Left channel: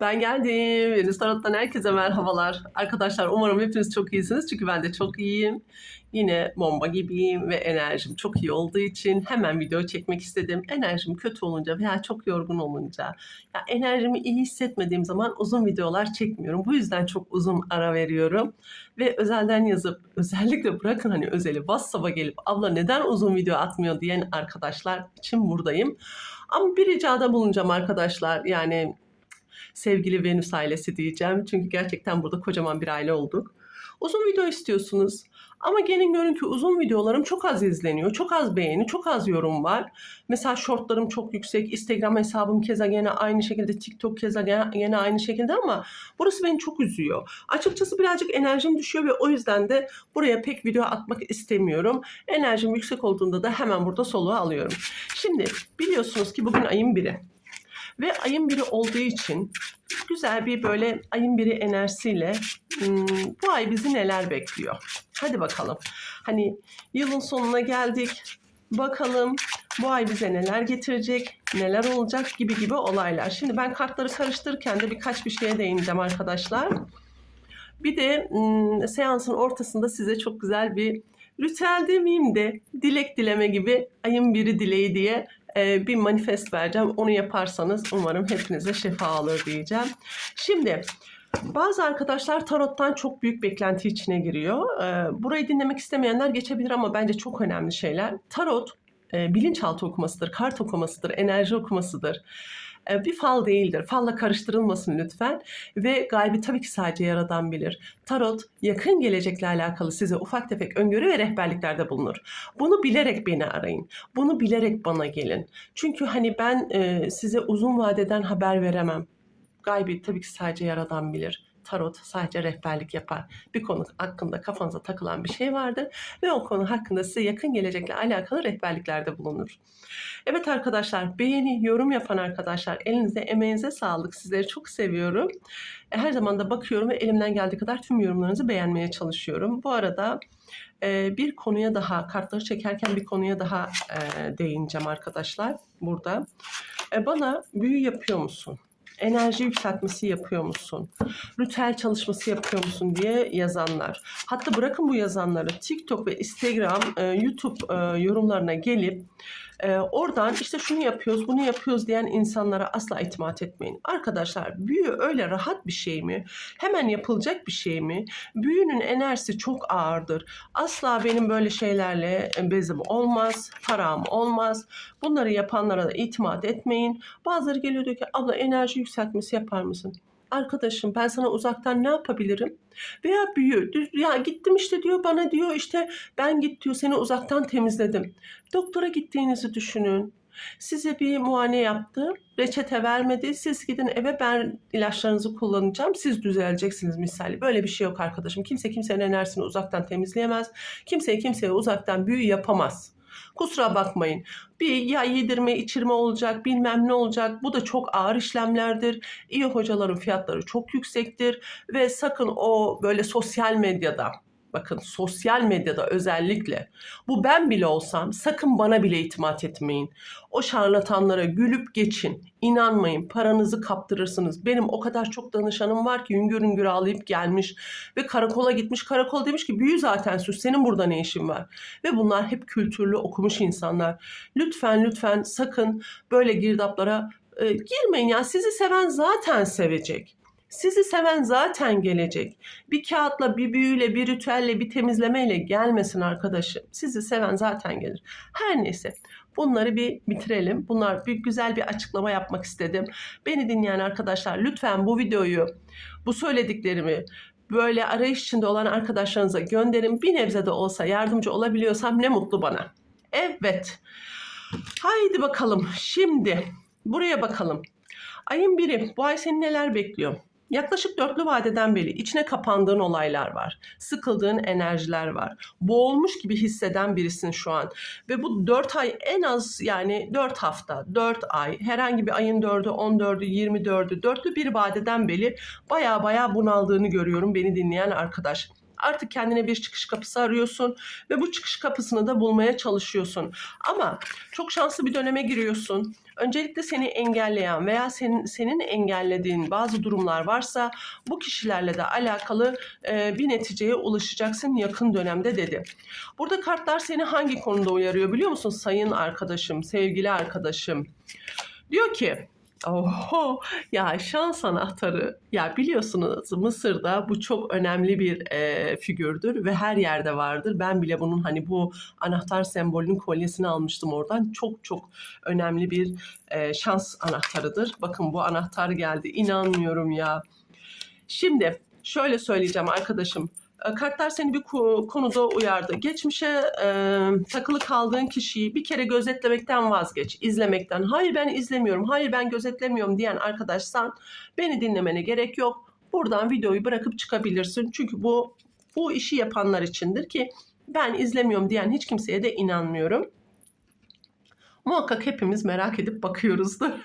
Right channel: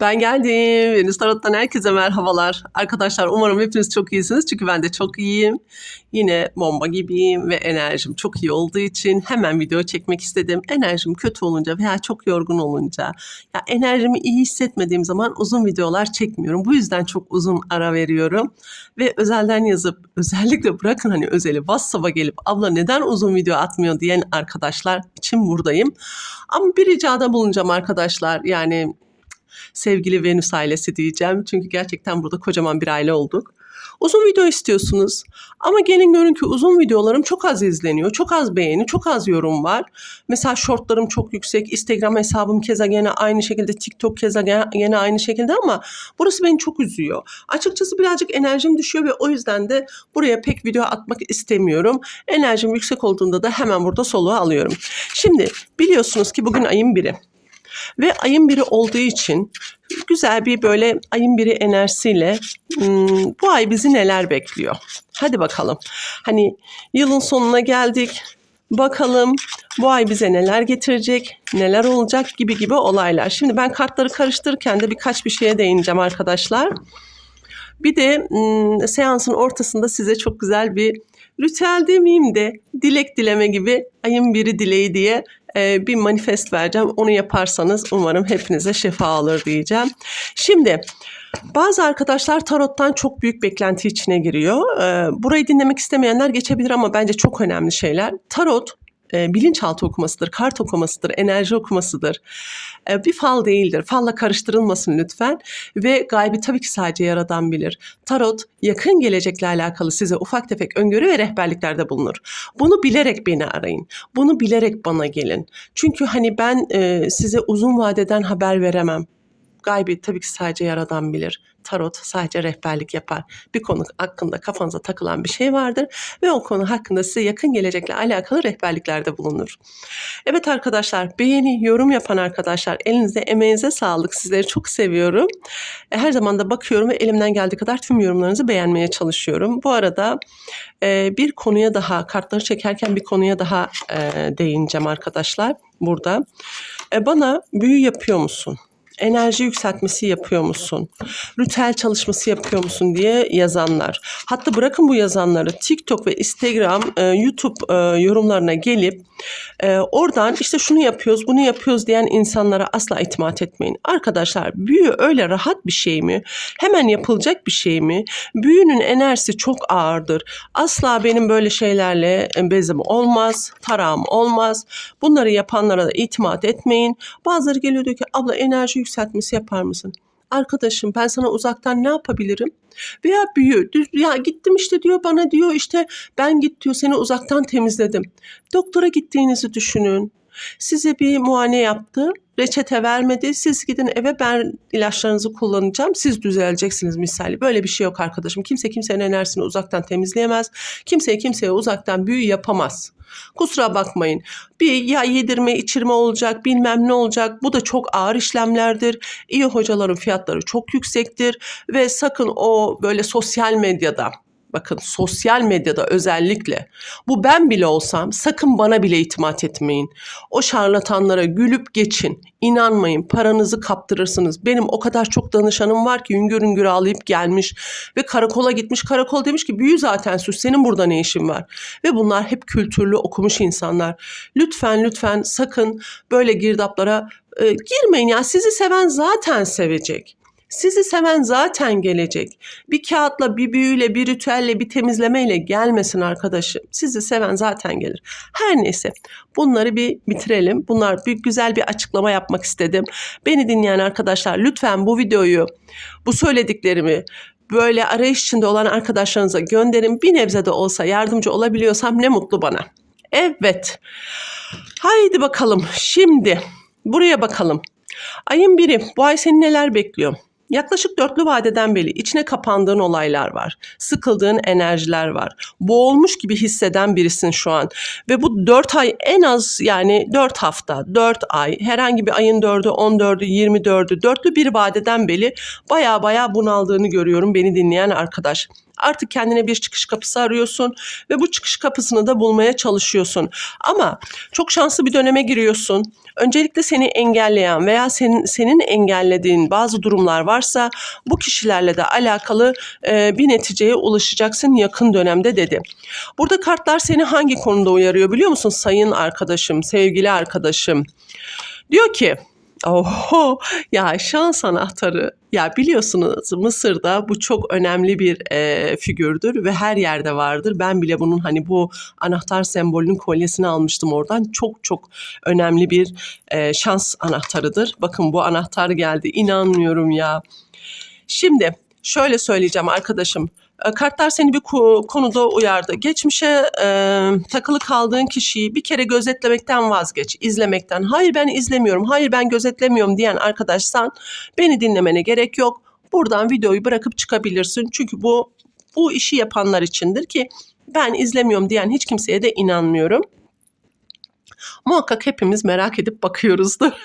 Ben geldim. Venüs Tarot'tan herkese merhabalar. Arkadaşlar umarım hepiniz çok iyisiniz. Çünkü ben de çok iyiyim. Yine bomba gibiyim ve enerjim çok iyi olduğu için hemen video çekmek istedim. Enerjim kötü olunca veya çok yorgun olunca ya enerjimi iyi hissetmediğim zaman uzun videolar çekmiyorum. Bu yüzden çok uzun ara veriyorum. Ve özelden yazıp özellikle bırakın hani özeli WhatsApp'a gelip abla neden uzun video atmıyor diyen arkadaşlar için buradayım. Ama bir ricada bulunacağım arkadaşlar. Yani sevgili Venüs ailesi diyeceğim. Çünkü gerçekten burada kocaman bir aile olduk. Uzun video istiyorsunuz. Ama gelin görün ki uzun videolarım çok az izleniyor. Çok az beğeni, çok az yorum var. Mesela shortlarım çok yüksek. Instagram hesabım keza gene aynı şekilde. TikTok keza gene, aynı şekilde ama burası beni çok üzüyor. Açıkçası birazcık enerjim düşüyor ve o yüzden de buraya pek video atmak istemiyorum. Enerjim yüksek olduğunda da hemen burada soluğu alıyorum. Şimdi biliyorsunuz ki bugün ayın biri. Ve ayın biri olduğu için güzel bir böyle ayın biri enerjisiyle hmm, bu ay bizi neler bekliyor? Hadi bakalım. Hani yılın sonuna geldik. Bakalım bu ay bize neler getirecek, neler olacak gibi gibi olaylar. Şimdi ben kartları karıştırırken de birkaç bir şeye değineceğim arkadaşlar. Bir de hmm, seansın ortasında size çok güzel bir ritüel demeyeyim de dilek dileme gibi ayın biri dileği diye e, bir manifest vereceğim. Onu yaparsanız umarım hepinize şifa olur diyeceğim. Şimdi bazı arkadaşlar tarottan çok büyük beklenti içine giriyor. E, burayı dinlemek istemeyenler geçebilir ama bence çok önemli şeyler. Tarot e, bilinçaltı okumasıdır, kart okumasıdır, enerji okumasıdır. E, bir fal değildir. Falla karıştırılmasın lütfen. Ve gaybi tabii ki sadece yaradan bilir. Tarot yakın gelecekle alakalı size ufak tefek öngörü ve rehberliklerde bulunur. Bunu bilerek beni arayın. Bunu bilerek bana gelin. Çünkü hani ben e, size uzun vadeden haber veremem. Gaybi tabii ki sadece yaradan bilir. Tarot sadece rehberlik yapar. Bir konu hakkında kafanıza takılan bir şey vardır ve o konu hakkında size yakın gelecekle alakalı rehberliklerde bulunur. Evet arkadaşlar beğeni, yorum yapan arkadaşlar elinize emeğinize sağlık. Sizleri çok seviyorum. E, Her zaman da bakıyorum ve elimden geldiği kadar tüm yorumlarınızı beğenmeye çalışıyorum. Bu arada e, bir konuya daha kartları çekerken bir konuya daha e, değineceğim arkadaşlar burada. Bana büyü yapıyor musun? Enerji yükseltmesi yapıyor musun? Ritüel çalışması yapıyor musun diye yazanlar. Hatta bırakın bu yazanları TikTok ve Instagram, e, YouTube e, yorumlarına gelip e, oradan işte şunu yapıyoruz, bunu yapıyoruz diyen insanlara asla itimat etmeyin. Arkadaşlar büyü öyle rahat bir şey mi? Hemen yapılacak bir şey mi? Büyünün enerjisi çok ağırdır. Asla benim böyle şeylerle bezim olmaz, tarağım olmaz. Bunları yapanlara da itimat etmeyin. Bazıları geliyor diyor ki abla enerji yükseltmesi yapar mısın? Arkadaşım ben sana uzaktan ne yapabilirim? Veya büyü. Ya gittim işte diyor bana diyor işte ben git diyor seni uzaktan temizledim. Doktora gittiğinizi düşünün. Size bir muayene yaptı, reçete vermedi. Siz gidin eve ben ilaçlarınızı kullanacağım. Siz düzeleceksiniz misali. Böyle bir şey yok arkadaşım. Kimse kimsenin enerjisini uzaktan temizleyemez. Kimseye kimseye uzaktan büyü yapamaz. Kusura bakmayın. Bir ya yedirme içirme olacak bilmem ne olacak. Bu da çok ağır işlemlerdir. İyi hocaların fiyatları çok yüksektir. Ve sakın o böyle sosyal medyada bakın sosyal medyada özellikle bu ben bile olsam sakın bana bile itimat etmeyin. O şarlatanlara gülüp geçin. İnanmayın paranızı kaptırırsınız. Benim o kadar çok danışanım var ki hüngür hüngür ağlayıp gelmiş ve karakola gitmiş. Karakol demiş ki büyü zaten sus senin burada ne işin var? Ve bunlar hep kültürlü okumuş insanlar. Lütfen lütfen sakın böyle girdaplara e, girmeyin ya. Sizi seven zaten sevecek. Sizi seven zaten gelecek. Bir kağıtla, bir büyüyle, bir ritüelle, bir temizlemeyle gelmesin arkadaşım. Sizi seven zaten gelir. Her neyse bunları bir bitirelim. Bunlar bir güzel bir açıklama yapmak istedim. Beni dinleyen arkadaşlar lütfen bu videoyu, bu söylediklerimi böyle arayış içinde olan arkadaşlarınıza gönderin. Bir nebze de olsa yardımcı olabiliyorsam ne mutlu bana. Evet. Haydi bakalım. Şimdi buraya bakalım. Ayın biri bu ay seni neler bekliyor? Yaklaşık dörtlü vadeden beri içine kapandığın olaylar var. Sıkıldığın enerjiler var. Boğulmuş gibi hisseden birisin şu an. Ve bu dört ay en az yani dört hafta, dört ay herhangi bir ayın dördü, on dördü, yirmi dördü, dörtlü bir vadeden beri baya baya bunaldığını görüyorum beni dinleyen arkadaş. Artık kendine bir çıkış kapısı arıyorsun ve bu çıkış kapısını da bulmaya çalışıyorsun. Ama çok şanslı bir döneme giriyorsun. Öncelikle seni engelleyen veya senin, senin engellediğin bazı durumlar varsa bu kişilerle de alakalı e, bir neticeye ulaşacaksın yakın dönemde dedi. Burada kartlar seni hangi konuda uyarıyor biliyor musun sayın arkadaşım, sevgili arkadaşım? Diyor ki Oho ya şans anahtarı ya biliyorsunuz Mısır'da bu çok önemli bir e, figürdür ve her yerde vardır. Ben bile bunun hani bu anahtar sembolünün kolyesini almıştım oradan. Çok çok önemli bir e, şans anahtarıdır. Bakın bu anahtar geldi inanmıyorum ya. Şimdi şöyle söyleyeceğim arkadaşım. E, Kartlar seni bir ko- konuda uyardı. Geçmişe e, takılı kaldığın kişiyi bir kere gözetlemekten vazgeç, izlemekten. Hayır ben izlemiyorum, hayır ben gözetlemiyorum diyen arkadaşsan beni dinlemene gerek yok. Buradan videoyu bırakıp çıkabilirsin. Çünkü bu bu işi yapanlar içindir ki ben izlemiyorum diyen hiç kimseye de inanmıyorum. Muhakkak hepimiz merak edip bakıyoruzdur.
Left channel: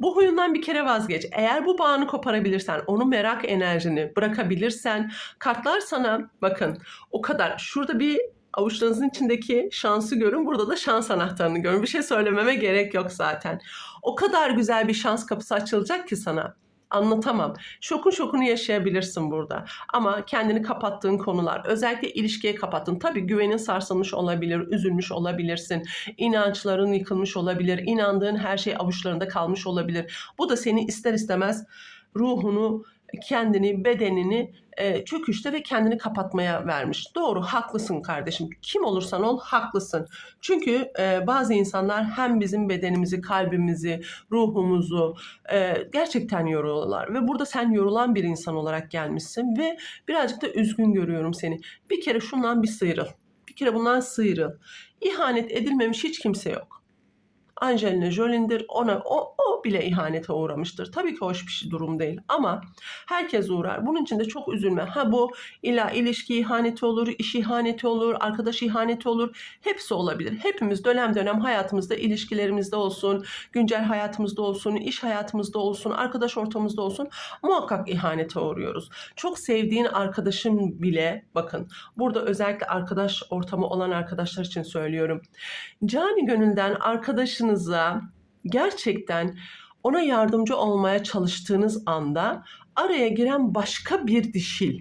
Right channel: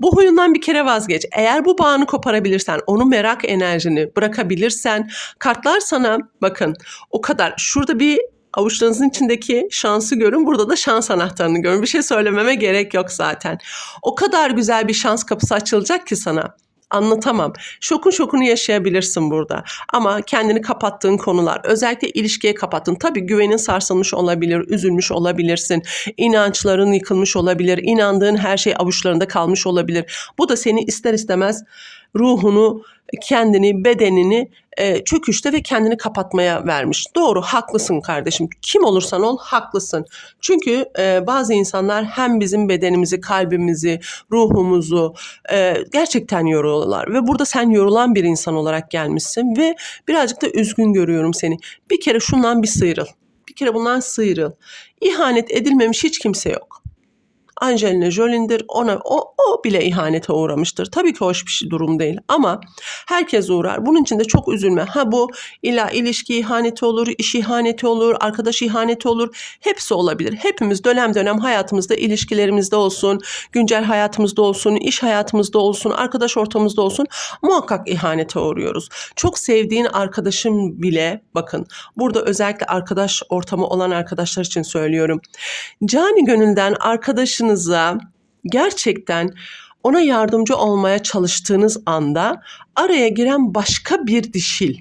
Bu huyundan bir kere vazgeç. Eğer bu bağını koparabilirsen, onu merak enerjini bırakabilirsen, kartlar sana bakın o kadar şurada bir avuçlarınızın içindeki şansı görün. Burada da şans anahtarını görün. Bir şey söylememe gerek yok zaten. O kadar güzel bir şans kapısı açılacak ki sana. Anlatamam. Şokun şokunu yaşayabilirsin burada. Ama kendini kapattığın konular, özellikle ilişkiye kapattın. Tabii güvenin sarsılmış olabilir, üzülmüş olabilirsin. İnançların yıkılmış olabilir. inandığın her şey avuçlarında kalmış olabilir. Bu da seni ister istemez ruhunu, kendini, bedenini e, çöküşte ve kendini kapatmaya vermiş. Doğru, haklısın kardeşim. Kim olursan ol, haklısın. Çünkü e, bazı insanlar hem bizim bedenimizi, kalbimizi, ruhumuzu e, gerçekten yoruyorlar. Ve burada sen yorulan bir insan olarak gelmişsin ve birazcık da üzgün görüyorum seni. Bir kere şundan bir sıyrıl. Bir kere bundan sıyrıl. İhanet edilmemiş hiç kimse yok. Angelina Jolie'dir. Ona o, o bile ihanete uğramıştır. Tabii ki hoş bir şey durum değil ama herkes uğrar. Bunun için de çok üzülme. Ha bu illa ilişki ihaneti olur, iş ihaneti olur, arkadaş ihaneti olur. Hepsi olabilir. Hepimiz dönem dönem hayatımızda ilişkilerimizde olsun, güncel hayatımızda olsun, iş hayatımızda olsun, arkadaş ortamımızda olsun muhakkak ihanete uğruyoruz. Çok sevdiğin arkadaşım bile bakın burada özellikle arkadaş ortamı olan arkadaşlar için söylüyorum. Cani gönülden arkadaşınıza gerçekten ona yardımcı olmaya çalıştığınız anda araya giren başka bir dişil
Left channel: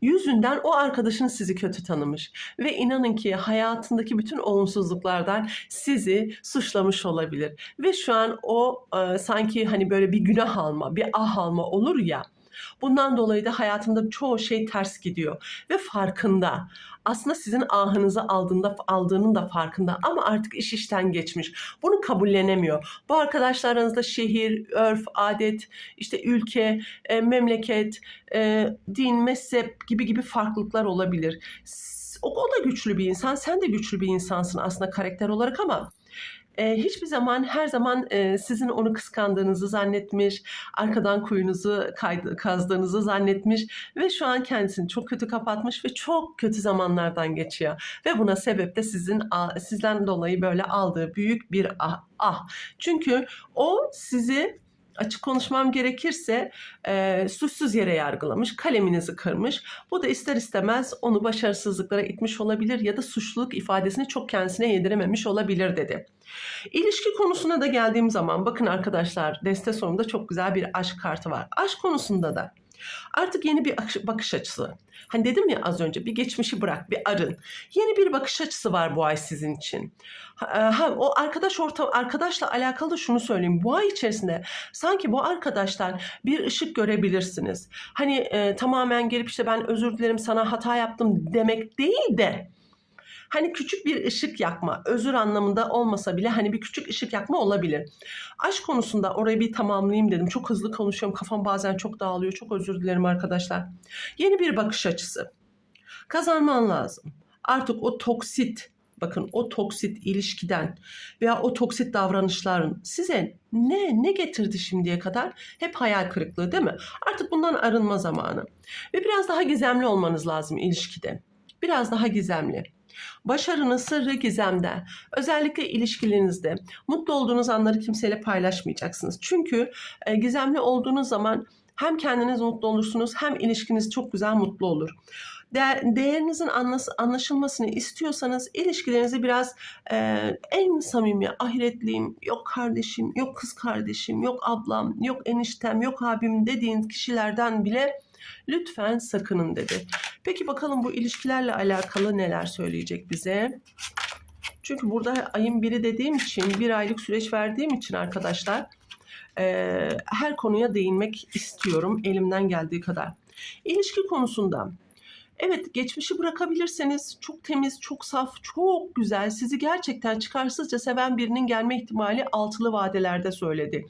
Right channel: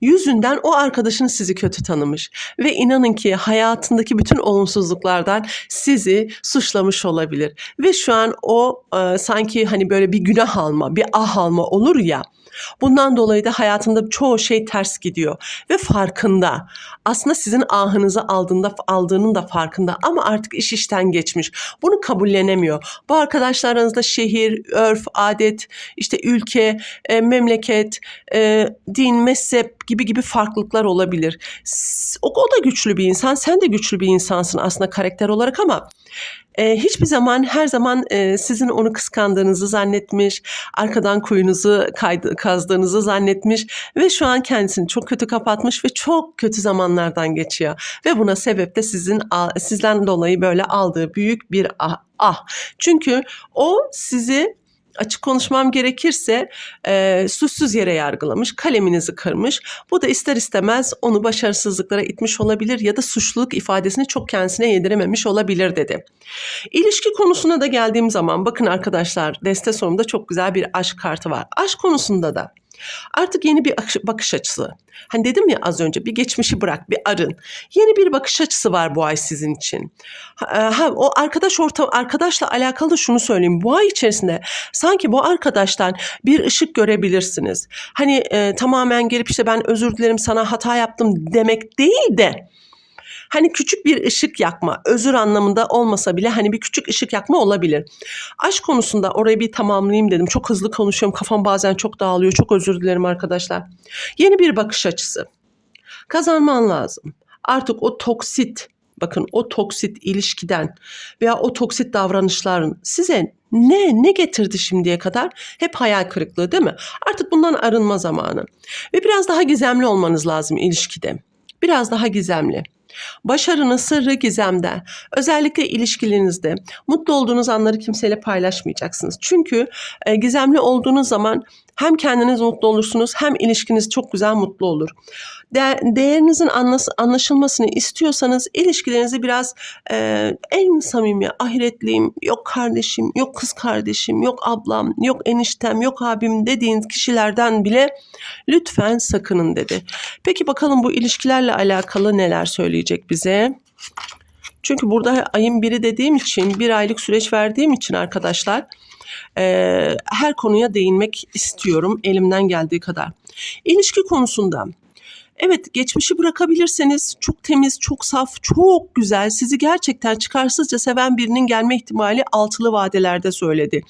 yüzünden o arkadaşınız sizi kötü tanımış ve inanın ki hayatındaki bütün olumsuzluklardan sizi suçlamış olabilir ve şu an o e, sanki hani böyle bir günah alma, bir ah alma olur ya. Bundan dolayı da hayatında çoğu şey ters gidiyor ve farkında. Aslında sizin ahınızı aldığında aldığının da farkında ama artık iş işten geçmiş. Bunu kabullenemiyor. Bu arkadaşlarınızda şehir, örf, adet, işte ülke, e, memleket, e, din, mezhep gibi gibi farklılıklar olabilir. O, o da güçlü bir insan, sen de güçlü bir insansın aslında karakter olarak ama e, hiçbir zaman her zaman e, sizin onu kıskandığınızı zannetmiş, arkadan kuyunuzu kaydı, kazdığınızı zannetmiş ve şu an kendisini çok kötü kapatmış ve çok kötü zamanlardan geçiyor. Ve buna sebep de sizin sizden dolayı böyle aldığı büyük bir ah. ah. Çünkü o sizi açık konuşmam gerekirse e, suçsuz yere yargılamış, kaleminizi kırmış. Bu da ister istemez onu başarısızlıklara itmiş olabilir ya da suçluluk ifadesini çok kendisine yedirememiş olabilir dedi. İlişki konusuna da geldiğim zaman bakın arkadaşlar deste sonunda çok güzel bir aşk kartı var. Aşk konusunda da artık yeni bir akış- bakış açısı. Hani dedim ya az önce bir geçmişi bırak, bir arın. Yeni bir bakış açısı var bu ay sizin için. Ha, ha, o arkadaş ortam arkadaşla alakalı şunu söyleyeyim. Bu ay içerisinde sanki bu arkadaştan bir ışık görebilirsiniz. Hani e, tamamen gelip işte ben özür dilerim sana hata yaptım demek değil de Hani küçük bir ışık yakma, özür anlamında olmasa bile hani bir küçük ışık yakma olabilir. Aşk konusunda orayı bir tamamlayayım dedim. Çok hızlı konuşuyorum. Kafam bazen çok dağılıyor. Çok özür dilerim arkadaşlar. Yeni bir bakış açısı. Kazanman lazım. Artık o toksit, bakın o toksit ilişkiden veya o toksit davranışların size ne ne getirdi şimdiye kadar? Hep hayal kırıklığı değil mi? Artık bundan arınma zamanı. Ve biraz daha gizemli olmanız lazım ilişkide. Biraz daha gizemli. Başarının sırrı gizemde. Özellikle ilişkilerinizde mutlu olduğunuz anları kimseyle paylaşmayacaksınız. Çünkü e, gizemli olduğunuz zaman hem kendiniz mutlu olursunuz hem ilişkiniz çok güzel mutlu olur. De- değerinizin anlaşılmasını istiyorsanız ilişkilerinizi biraz e, en samimi ahiretliyim, yok kardeşim, yok kız kardeşim, yok ablam, yok eniştem, yok abim dediğiniz kişilerden bile lütfen sakının dedi. Peki bakalım bu ilişkilerle alakalı neler söyleyecek bize? Çünkü burada ayın biri dediğim için, bir aylık süreç verdiğim için arkadaşlar eee, her konuya değinmek istiyorum elimden geldiği kadar. İlişki konusunda Evet geçmişi bırakabilirseniz çok temiz, çok saf, çok güzel, sizi gerçekten çıkarsızca seven birinin gelme ihtimali altılı vadelerde söyledi.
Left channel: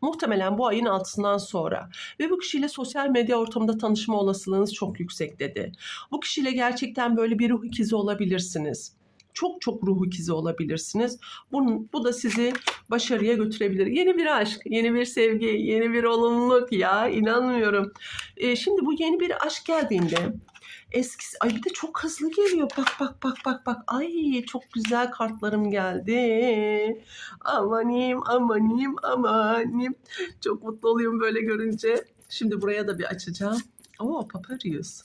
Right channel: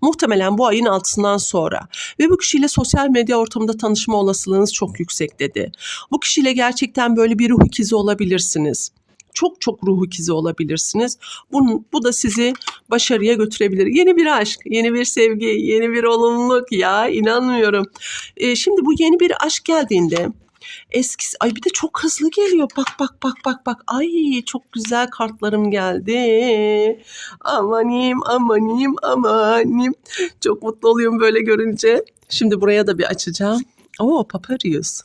Muhtemelen bu ayın altısından sonra ve bu kişiyle sosyal medya ortamında tanışma olasılığınız çok yüksek dedi. Bu kişiyle gerçekten böyle bir ruh ikizi olabilirsiniz. Çok çok ruh ikizi olabilirsiniz. Bu, bu da sizi başarıya götürebilir. Yeni bir aşk, yeni bir sevgi, yeni bir olumluluk ya inanmıyorum. Ee, şimdi bu yeni bir aşk geldiğinde eskisi ay bir de çok hızlı geliyor. Bak bak bak bak bak. Ay çok güzel kartlarım geldi. Amanim amanim amanim. Çok mutlu oluyorum böyle görünce. Şimdi buraya da bir açacağım. Oo Paparius.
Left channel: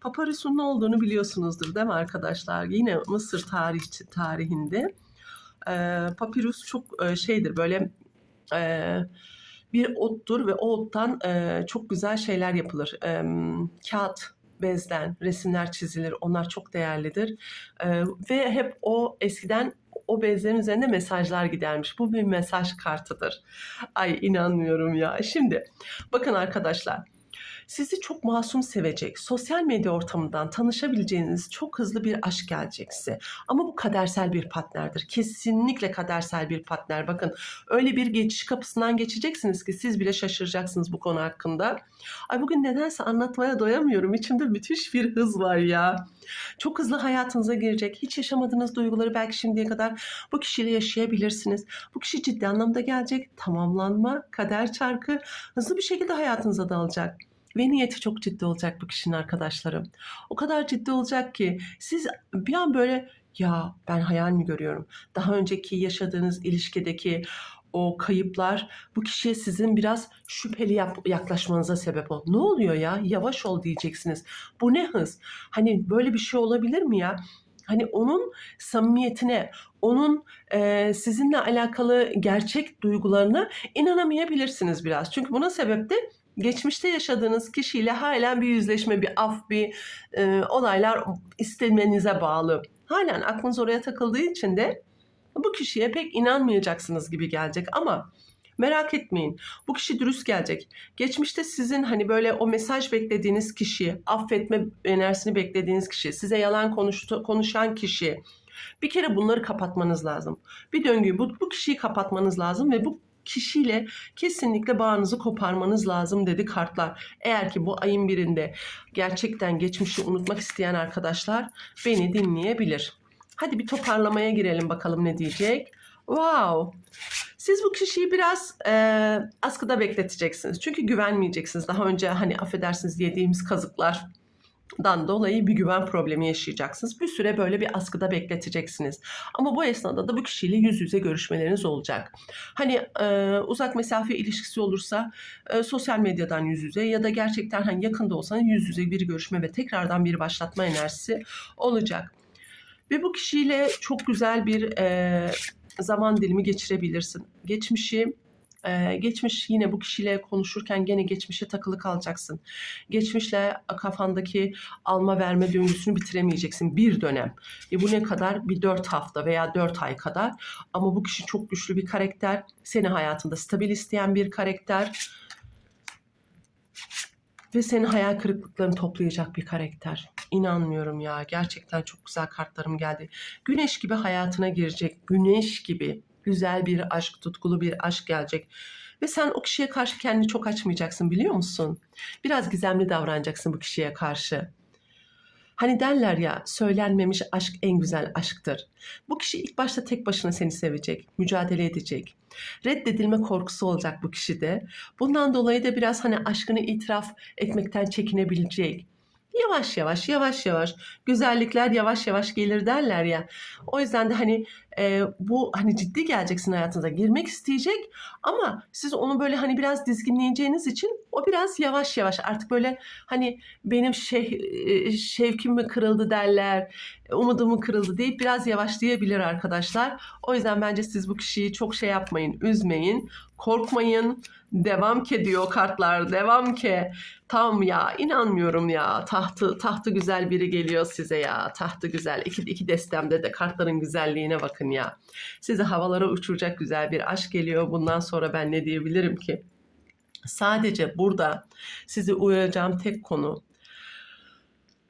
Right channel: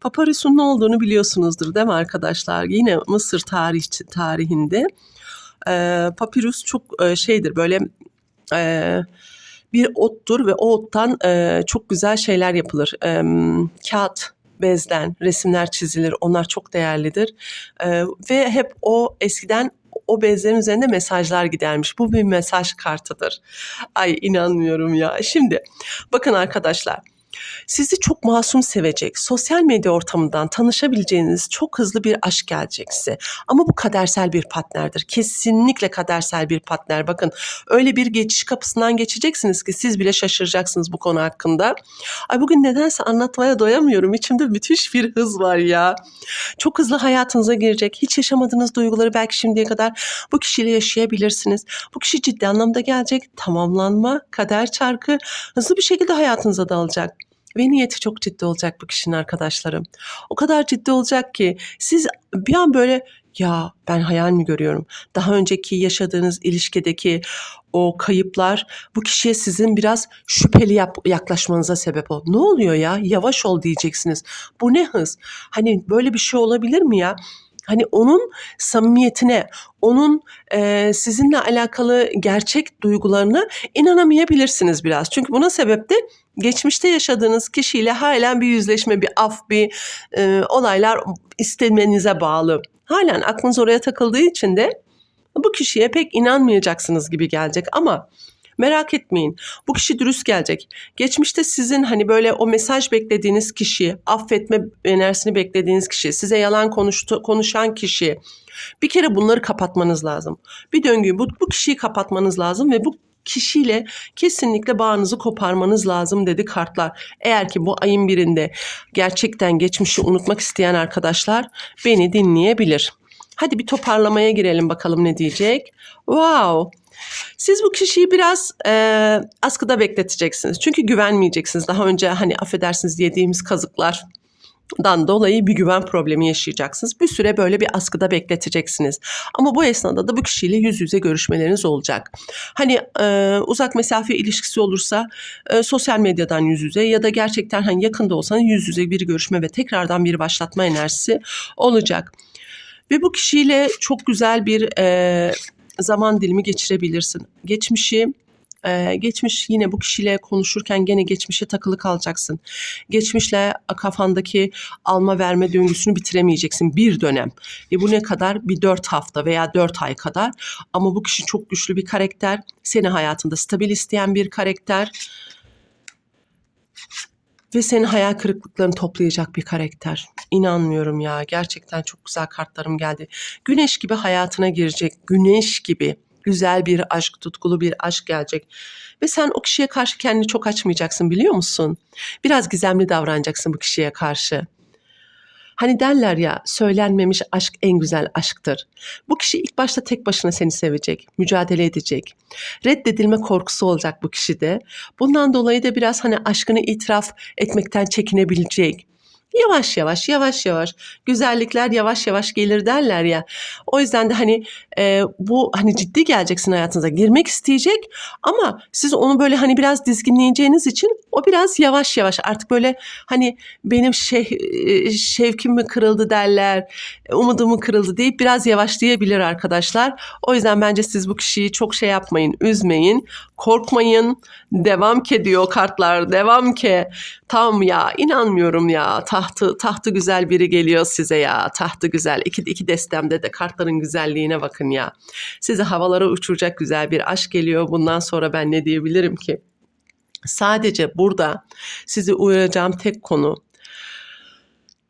Papyrus'un ne olduğunu biliyorsunuzdur değil mi arkadaşlar? Yine Mısır tarih, tarihinde e, papyrus çok e, şeydir böyle e, bir ottur ve o ottan e, çok güzel şeyler yapılır. E, kağıt bezden resimler çizilir. Onlar çok değerlidir. E, ve hep o eskiden o bezlerin üzerinde mesajlar gidermiş. Bu bir mesaj kartıdır. Ay inanmıyorum ya. Şimdi bakın arkadaşlar. Sizi çok masum sevecek, sosyal medya ortamından tanışabileceğiniz çok hızlı bir aşk gelecek size. Ama bu kadersel bir partnerdir. Kesinlikle kadersel bir partner. Bakın öyle bir geçiş kapısından geçeceksiniz ki siz bile şaşıracaksınız bu konu hakkında. Ay bugün nedense anlatmaya doyamıyorum. İçimde müthiş bir hız var ya. Çok hızlı hayatınıza girecek. Hiç yaşamadığınız duyguları belki şimdiye kadar bu kişiyle yaşayabilirsiniz. Bu kişi ciddi anlamda gelecek. Tamamlanma, kader çarkı hızlı bir şekilde hayatınıza dalacak. Ve niyeti çok ciddi olacak bu kişinin arkadaşlarım. O kadar ciddi olacak ki siz bir an böyle ya ben hayal mi görüyorum? Daha önceki yaşadığınız ilişkideki o kayıplar bu kişiye sizin biraz şüpheli yap- yaklaşmanıza sebep oldu. Ne oluyor ya? Yavaş ol diyeceksiniz. Bu ne hız? Hani böyle bir şey olabilir mi ya? Hani onun samimiyetine, onun e, sizinle alakalı gerçek duygularına inanamayabilirsiniz biraz. Çünkü buna sebep de geçmişte yaşadığınız kişiyle halen bir yüzleşme, bir af, bir e, olaylar istemenize bağlı. Halen aklınız oraya takıldığı için de bu kişiye pek inanmayacaksınız gibi gelecek ama merak etmeyin. Bu kişi dürüst gelecek. Geçmişte sizin hani böyle o mesaj beklediğiniz kişi, affetme enerjisini beklediğiniz kişi, size yalan konuştu, konuşan kişi. Bir kere bunları kapatmanız lazım. Bir döngüyü bu, bu kişiyi kapatmanız lazım ve bu kişiyle kesinlikle bağınızı koparmanız lazım dedi kartlar. Eğer ki bu ayın birinde gerçekten geçmişi unutmak isteyen arkadaşlar beni dinleyebilir. Hadi bir toparlamaya girelim bakalım ne diyecek. Wow. Siz bu kişiyi biraz e, askıda bekleteceksiniz. Çünkü güvenmeyeceksiniz. Daha önce hani affedersiniz yediğimiz kazıklar dan dolayı bir güven problemi yaşayacaksınız. Bir süre böyle bir askıda bekleteceksiniz. Ama bu esnada da bu kişiyle yüz yüze görüşmeleriniz olacak. Hani e, uzak mesafe ilişkisi olursa e, sosyal medyadan yüz yüze ya da gerçekten hani yakında olsanız yüz yüze bir görüşme ve tekrardan bir başlatma enerjisi olacak. Ve bu kişiyle çok güzel bir e, zaman dilimi geçirebilirsin. Geçmişi ee, geçmiş yine bu kişiyle konuşurken gene geçmişe takılı kalacaksın. Geçmişle kafandaki alma verme döngüsünü bitiremeyeceksin bir dönem. E bu ne kadar? Bir dört hafta veya dört ay kadar. Ama bu kişi çok güçlü bir karakter. Seni hayatında stabil isteyen bir karakter. Ve senin hayal kırıklıklarını toplayacak bir karakter. İnanmıyorum ya. Gerçekten çok güzel kartlarım geldi. Güneş gibi hayatına girecek. Güneş gibi güzel bir aşk, tutkulu bir aşk gelecek. Ve sen o kişiye karşı kendini çok açmayacaksın biliyor musun? Biraz gizemli davranacaksın bu kişiye karşı. Hani derler ya söylenmemiş aşk en güzel aşktır. Bu kişi ilk başta tek başına seni sevecek, mücadele edecek. Reddedilme korkusu olacak bu kişide. Bundan dolayı da biraz hani aşkını itiraf etmekten çekinebilecek. Yavaş yavaş, yavaş yavaş. Güzellikler yavaş yavaş gelir derler ya. O yüzden de hani e, bu hani ciddi geleceksin hayatınıza girmek isteyecek ama siz onu böyle hani biraz dizginleyeceğiniz için o biraz yavaş yavaş artık böyle hani benim şey, e, şevkim mi kırıldı derler, umudum mu kırıldı deyip biraz yavaşlayabilir arkadaşlar. O yüzden bence siz bu kişiyi çok şey yapmayın, üzmeyin, korkmayın. Devam ke diyor kartlar, devam ke. Tam ya inanmıyorum ya tahtı tahtı güzel biri geliyor size ya. Tahtı güzel. İki, iki destemde de kartların güzelliğine bakın ya. Sizi havalara uçuracak güzel bir aşk geliyor. Bundan sonra ben ne diyebilirim ki? Sadece burada sizi uyaracağım tek konu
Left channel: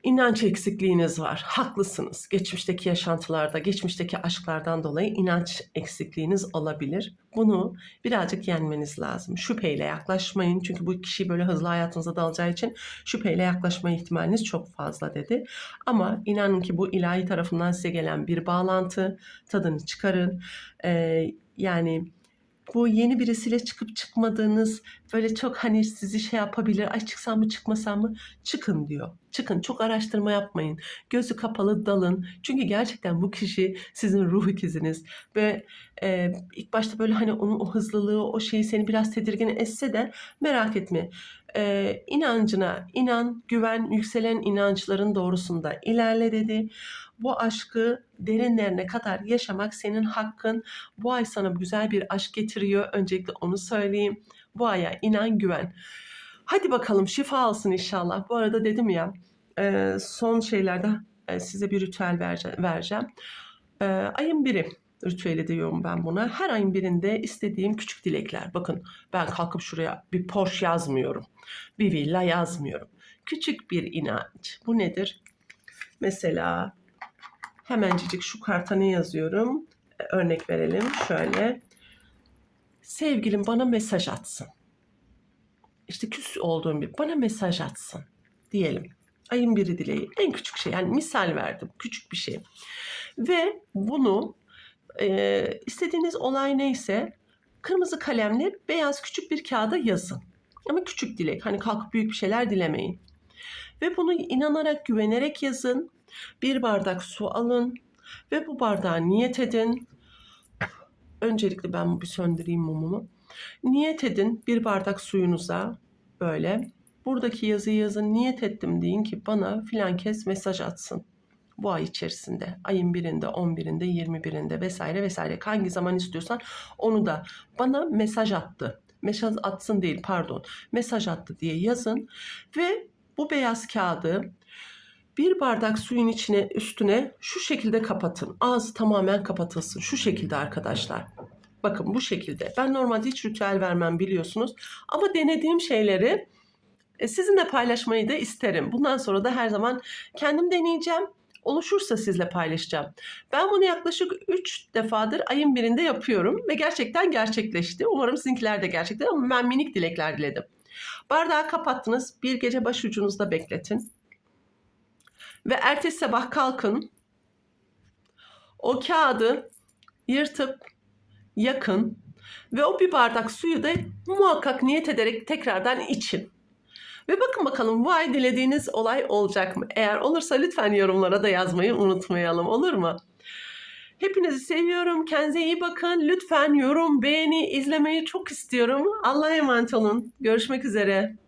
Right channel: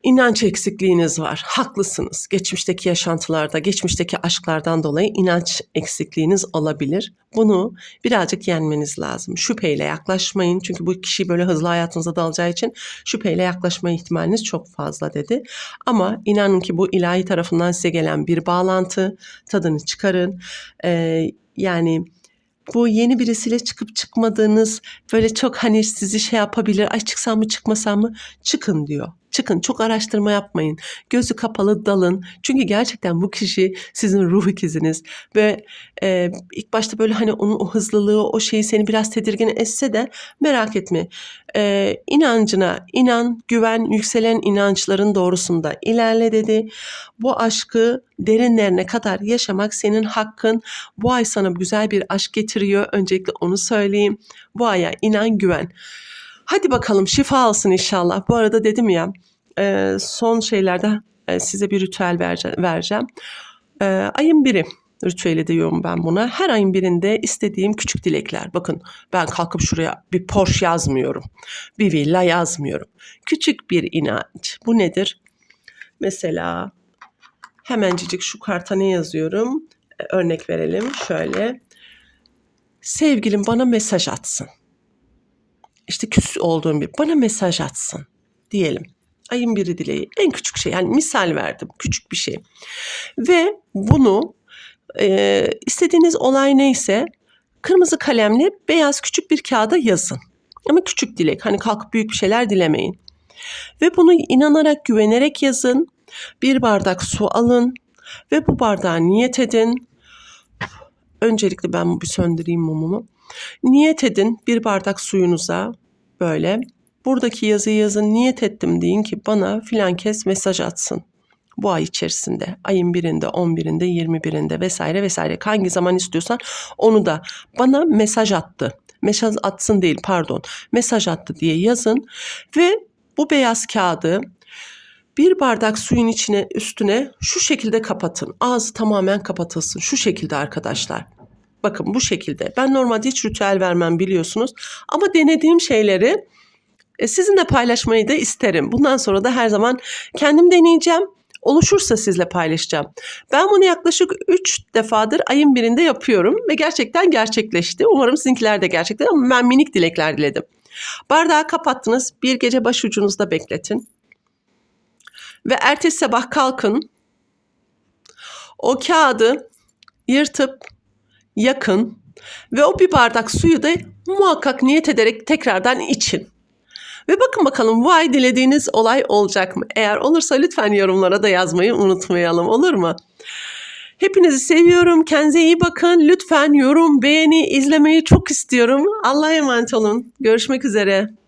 İnanç eksikliğiniz var. Haklısınız. Geçmişteki yaşantılarda, geçmişteki aşklardan dolayı inanç eksikliğiniz olabilir. Bunu birazcık yenmeniz lazım. Şüpheyle yaklaşmayın. Çünkü bu kişi böyle hızlı hayatınıza dalacağı için şüpheyle yaklaşma ihtimaliniz çok fazla dedi. Ama inanın ki bu ilahi tarafından size gelen bir bağlantı. Tadını çıkarın. Ee, yani bu yeni birisiyle çıkıp çıkmadığınız böyle çok hani sizi şey yapabilir. Ay çıksam mı çıkmasam mı? Çıkın diyor. Çıkın çok araştırma yapmayın. Gözü kapalı dalın. Çünkü gerçekten bu kişi sizin ruh ikiziniz. Ve e, ilk başta böyle hani onun o hızlılığı o şeyi seni biraz tedirgin etse de merak etme. E, inancına inan, güven, yükselen inançların doğrusunda ilerle dedi. Bu aşkı derinlerine kadar yaşamak senin hakkın. Bu ay sana güzel bir aşk getiriyor. Öncelikle onu söyleyeyim. Bu aya inan, güven. Hadi bakalım şifa alsın inşallah. Bu arada dedim ya e, son şeylerde e, size bir ritüel vereceğim. E, ayın biri ritüeli diyorum ben buna. Her ayın birinde istediğim küçük dilekler. Bakın ben kalkıp şuraya bir Porsche yazmıyorum. Bir villa yazmıyorum. Küçük bir inanç. Bu nedir? Mesela hemencik şu karta ne yazıyorum? Örnek verelim şöyle. Sevgilim bana mesaj atsın işte küs olduğum bir bana mesaj atsın diyelim. Ayın biri dileği en küçük şey yani misal verdim küçük bir şey. Ve bunu e, istediğiniz olay neyse kırmızı kalemle beyaz küçük bir kağıda yazın. Ama küçük dilek hani kalkıp büyük bir şeyler dilemeyin. Ve bunu inanarak güvenerek yazın. Bir bardak su alın ve bu bardağa niyet edin. Öncelikle ben bir söndüreyim mumumu. Niyet edin bir bardak suyunuza böyle. Buradaki yazıyı yazın niyet ettim deyin ki bana filan kez mesaj atsın. Bu ay içerisinde ayın birinde, 11'inde, 21'inde vesaire vesaire hangi zaman istiyorsan onu da bana mesaj attı. Mesaj atsın değil pardon mesaj attı diye yazın ve bu beyaz kağıdı bir bardak suyun içine üstüne şu şekilde kapatın. Ağzı tamamen kapatılsın. Şu şekilde arkadaşlar. Bakın bu şekilde. Ben normalde hiç ritüel vermem biliyorsunuz. Ama denediğim şeyleri e, sizinle paylaşmayı da isterim. Bundan sonra da her zaman kendim deneyeceğim. Oluşursa sizle paylaşacağım. Ben bunu yaklaşık 3 defadır ayın birinde yapıyorum ve gerçekten gerçekleşti. Umarım sizinkiler de gerçekten ama ben minik dilekler diledim. Bardağı kapattınız. Bir gece başucunuzda bekletin. Ve ertesi sabah kalkın. O kağıdı yırtıp yakın ve o bir bardak suyu da muhakkak niyet ederek tekrardan için. Ve bakın bakalım bu ay dilediğiniz olay olacak mı? Eğer olursa lütfen yorumlara da yazmayı unutmayalım olur mu? Hepinizi seviyorum. Kendinize iyi bakın. Lütfen yorum, beğeni, izlemeyi çok istiyorum. Allah'a emanet olun. Görüşmek üzere.